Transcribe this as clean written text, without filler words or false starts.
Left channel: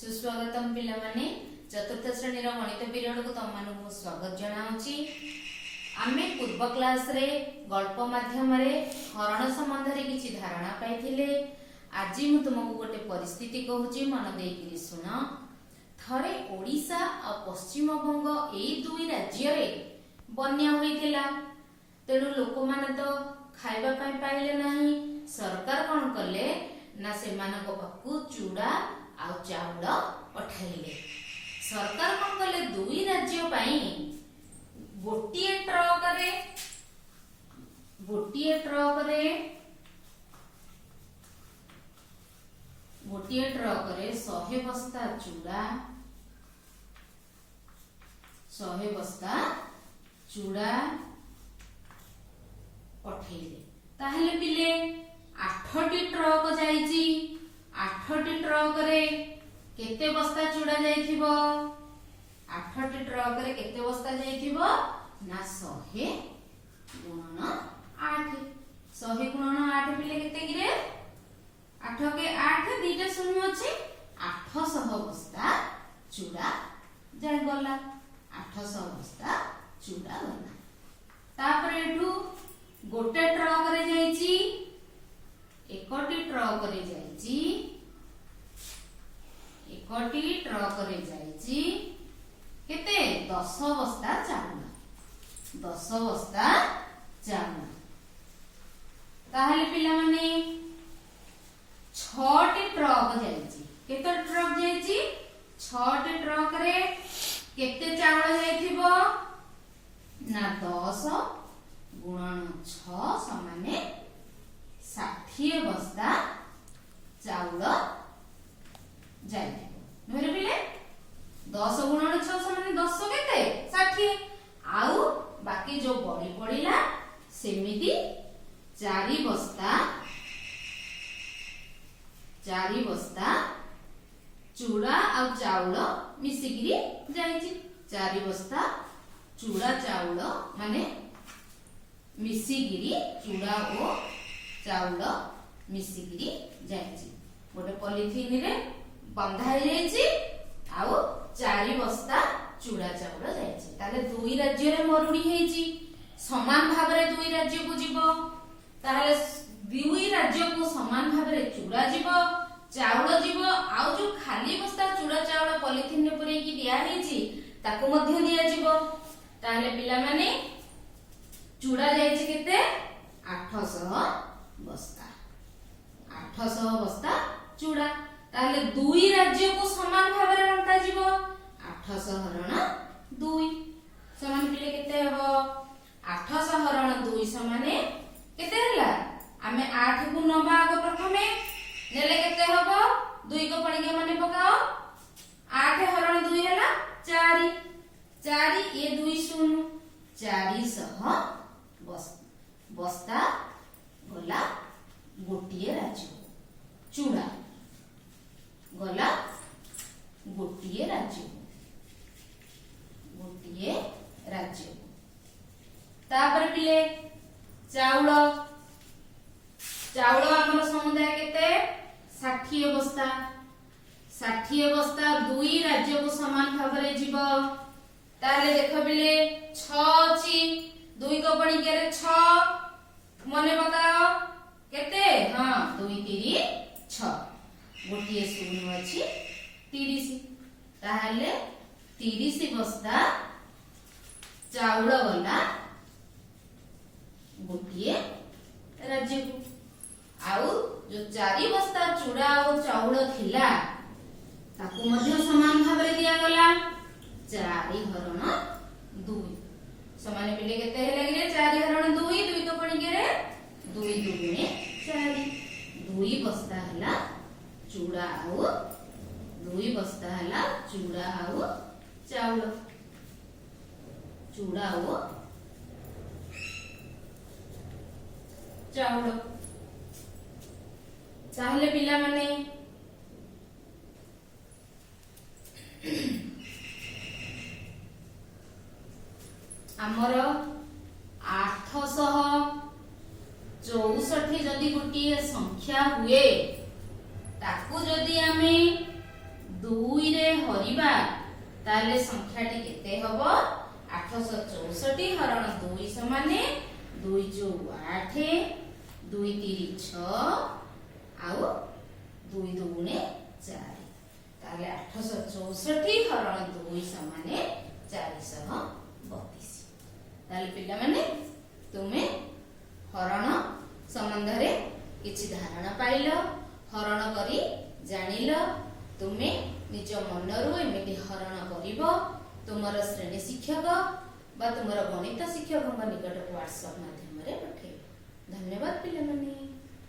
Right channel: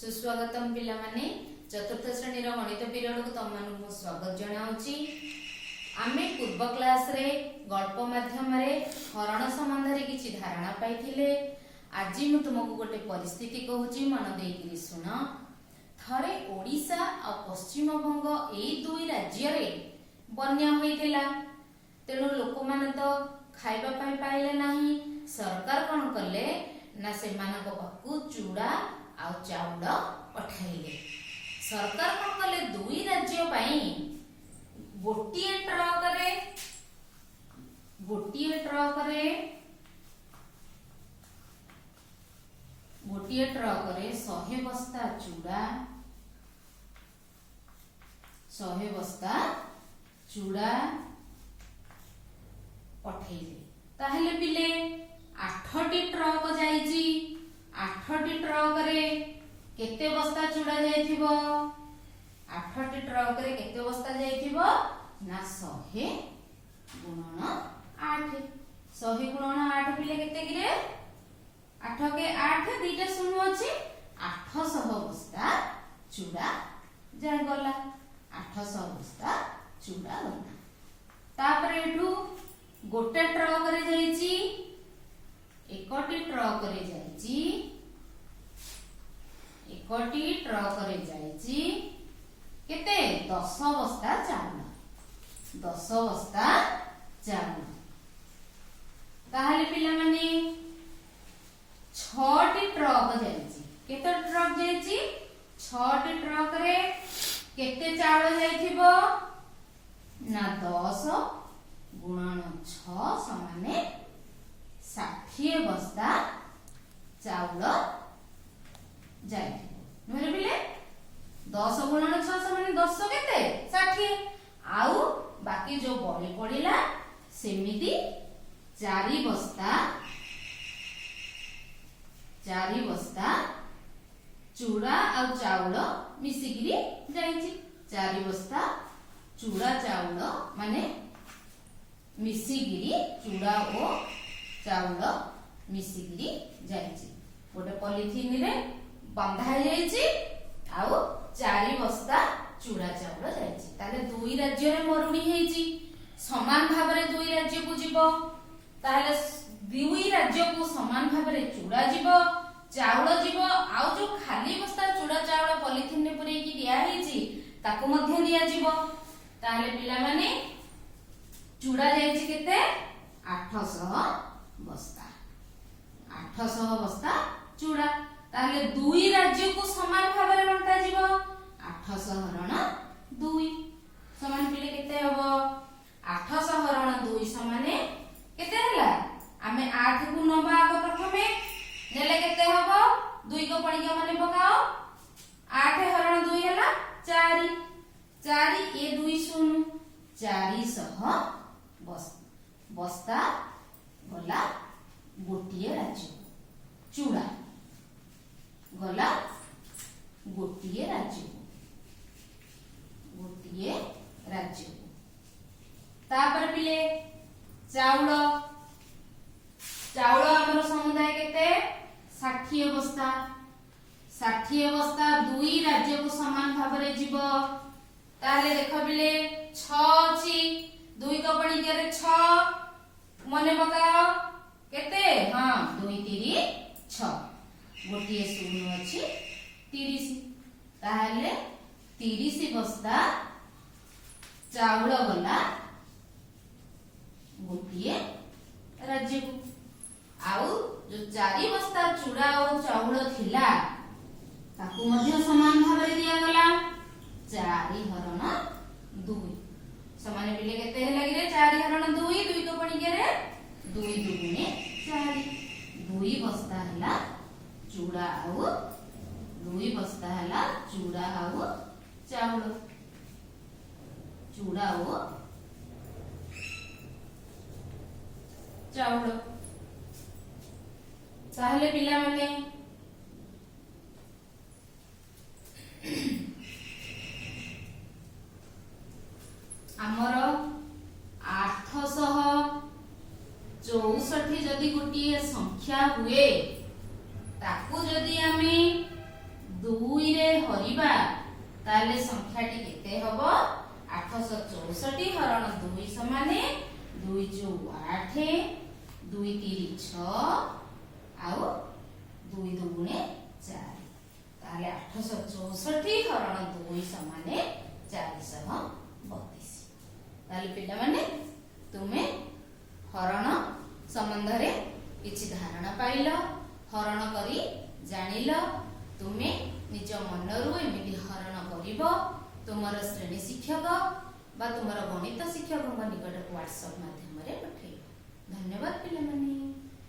सुस्वागतम पिला माने चतुर्थ श्रेणी गणित पीरियड को तुम मानक स्वागत जनाऊँगी। आमे पूर्व क्लास रे गल्प माध्यम रे हरण संबंध रे किछि धारणा पाइथिले। आज मु तुमको गोटे परिस्थिति कहूची, मन देकी सुन। थरे ओडिशा और पश्चिम बंग एई दुई राज्य रे बन्या होइतिला। तेणु लोक माने तो खाइबा पाई पाइले नाही। सरकार कोन कले ना सेमानक पाखु चूड़ा आ चाउल पठाइले। सरकार कोन कले दुई राज्य पाई गोटिए ट्रक रे 100 बस्ता चूड़ा पठेइले। ताहले पिले 8टी ट्रक जाईची। 8टी ट्रक रे केते बस्ता चूड़ा जाइथिबो? 8टी ट्रक रे केते बस्ता जाइथिबो ना 100 गुणन 8। 100 गुणन 8 पिले केते गिरे? 8 के 8 दीटा शून्य अछि। 800 बस्ता चूड़ा जाय गला। 800 बस्ता चूड़ा गला। तापर एठू गोटे ट्रक रे जाईची। 1टी ट्रक रे जाईची। 1टी ट्रक रे जाईची केते? 10 बस्ता चाउल। 10 बस्ता चाउल। ताहले पिला माने 6टी ट्रक जाईची। केते ट्रक जाईची? 6टी ट्रक रे केते चाउल जाइथिबो ना 10 गुणन 6 समाने 60 बस्ता चाउल जाइथिबो। नहले पिले 10 गुणन 6 समाने 10 केते? 60। आउ बाकी जो बळी पड़िला सेमिति 4 बस्ता चूड़ा आ चाउल मिसिगिरी जाइछि। 4 बस्ता चूड़ा चाउल माने मिसिगिरी चूड़ा ओ चाउल मिसिगिरी जाइछि। गोटे पॉलिथिन रे बंधा जाइछि आउ 4 बस्ता चूड़ा चाउल जाइछि। ताले दुई राज्य रे मरुड़ी हेइछि। समान भाव रे दुई राज्य को जीवो। ताले दुई राज्य को समान भाव रे चूड़ा जीवो, चाउल जीवो। आउ जो खाली बस्ता चूड़ा चाउल पॉलिथिन रे पुरै की दिया हेइछि ताको मध्य दिया जीवो। ताले पिला माने चूड़ा जाइछि केते? 800 बस्ता। 800 बस्ता चूड़ा। ताले दुई राज्य को समान भाव रे बंटा जीवो। 800 हरण 2 समान पिले केते हबो? 800 हरण 2 समाने केते हला? आमे 8 को नबा आगो प्रथमे नेले केते हबो? 2 को पणिका माने पकाओ। 8 हरण 2 हला 4। 4 ए 2 शून्य 400 बस्ता गला गोटिए राज्य। चूड़ा गला गोटिए राज्य। तापर पिले चाउल हमर समुदाय केते? 60 बस्ता। 60 बस्ता दुई राज्य को समान भाव रे जीवो। ताले देखो पिले 6 अछि। 2 को पड़ी के 6 मने बताओ केते? हां 2 3 6 गोटिए शून्य अछि 30। ताहले 30 बस्ता चाउल गला गोटिए राज्य को। आउ जो 4 बस्ता चूड़ा और चाउल थिला ताकू मध्य समान भाव रे दिया गला। 4 हरण 2 समान पिले केते हे लागिले? 4 हरण 2 2 को पणी के रे 2 दुगुणे 4। 2 बस्ता हला चूड़ा आउ 2 बस्ता हला चूड़ा आउ चाउल। चूड़ा ओ चाउल। ताहले पिला माने आमर 864 जदि गोटे संख्या हुए ताकू जदि आमे 2 ताले संख्याटी केते हबो 864 हरण 2 समाने 2 जो 8 2 3 6 आउ 2 2 4 ताले 864 हरण 2 समाने 432 ताले पिला माने तुमे हरण संबंध रे किछि धारणा पाइलो हरण करी जानिलो तुमे निज मनरु एमिति हरण करिवो तुमर श्रेणी शिक्षक बा तुमर गणित शिक्षक निकट व्हाट्सएप माध्यम रे पठेइबो। धन्यवाद पिला माने।